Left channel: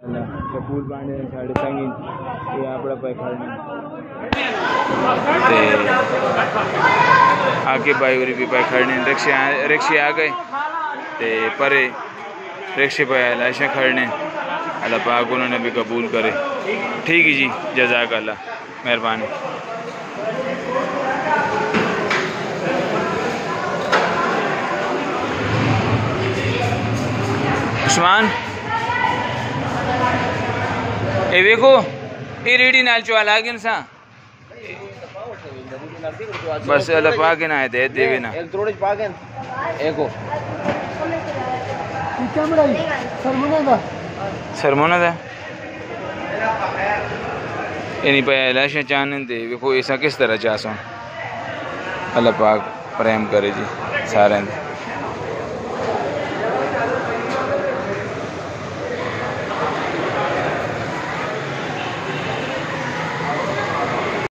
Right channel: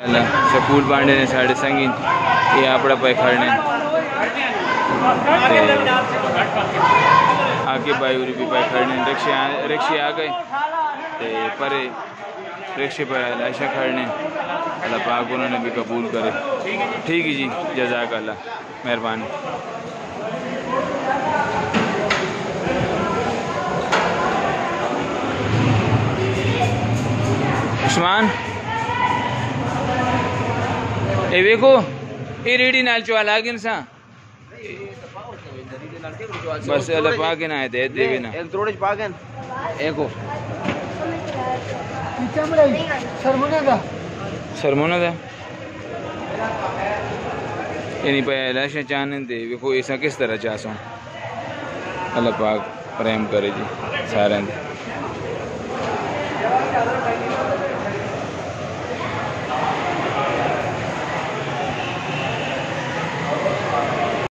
शकूल पांडे ने साढ़े संगी ये आपड़ा पे खड़ने ते आके भाई उरी भी पे खड़ने रिक्शे आ गए ते परे रिक्शे पे लाशा खड़ने अल्लाह पाक उन्होंने भी कबूल करे। ठीक है जी, जज़ाक अल्लाह, मेहरबानी। उस्मान ए देखो ये रेडी नाल चुआ लागिन सा बस अल्लाह पाक ना दे देवे ना एक थोड़े पागन एको सरमोना दा इन्हीं पे लाशें चाहने दे देखो ऐसा किस तरह चाह सो। अल्लाह पाक प्रेम करे जी सारे।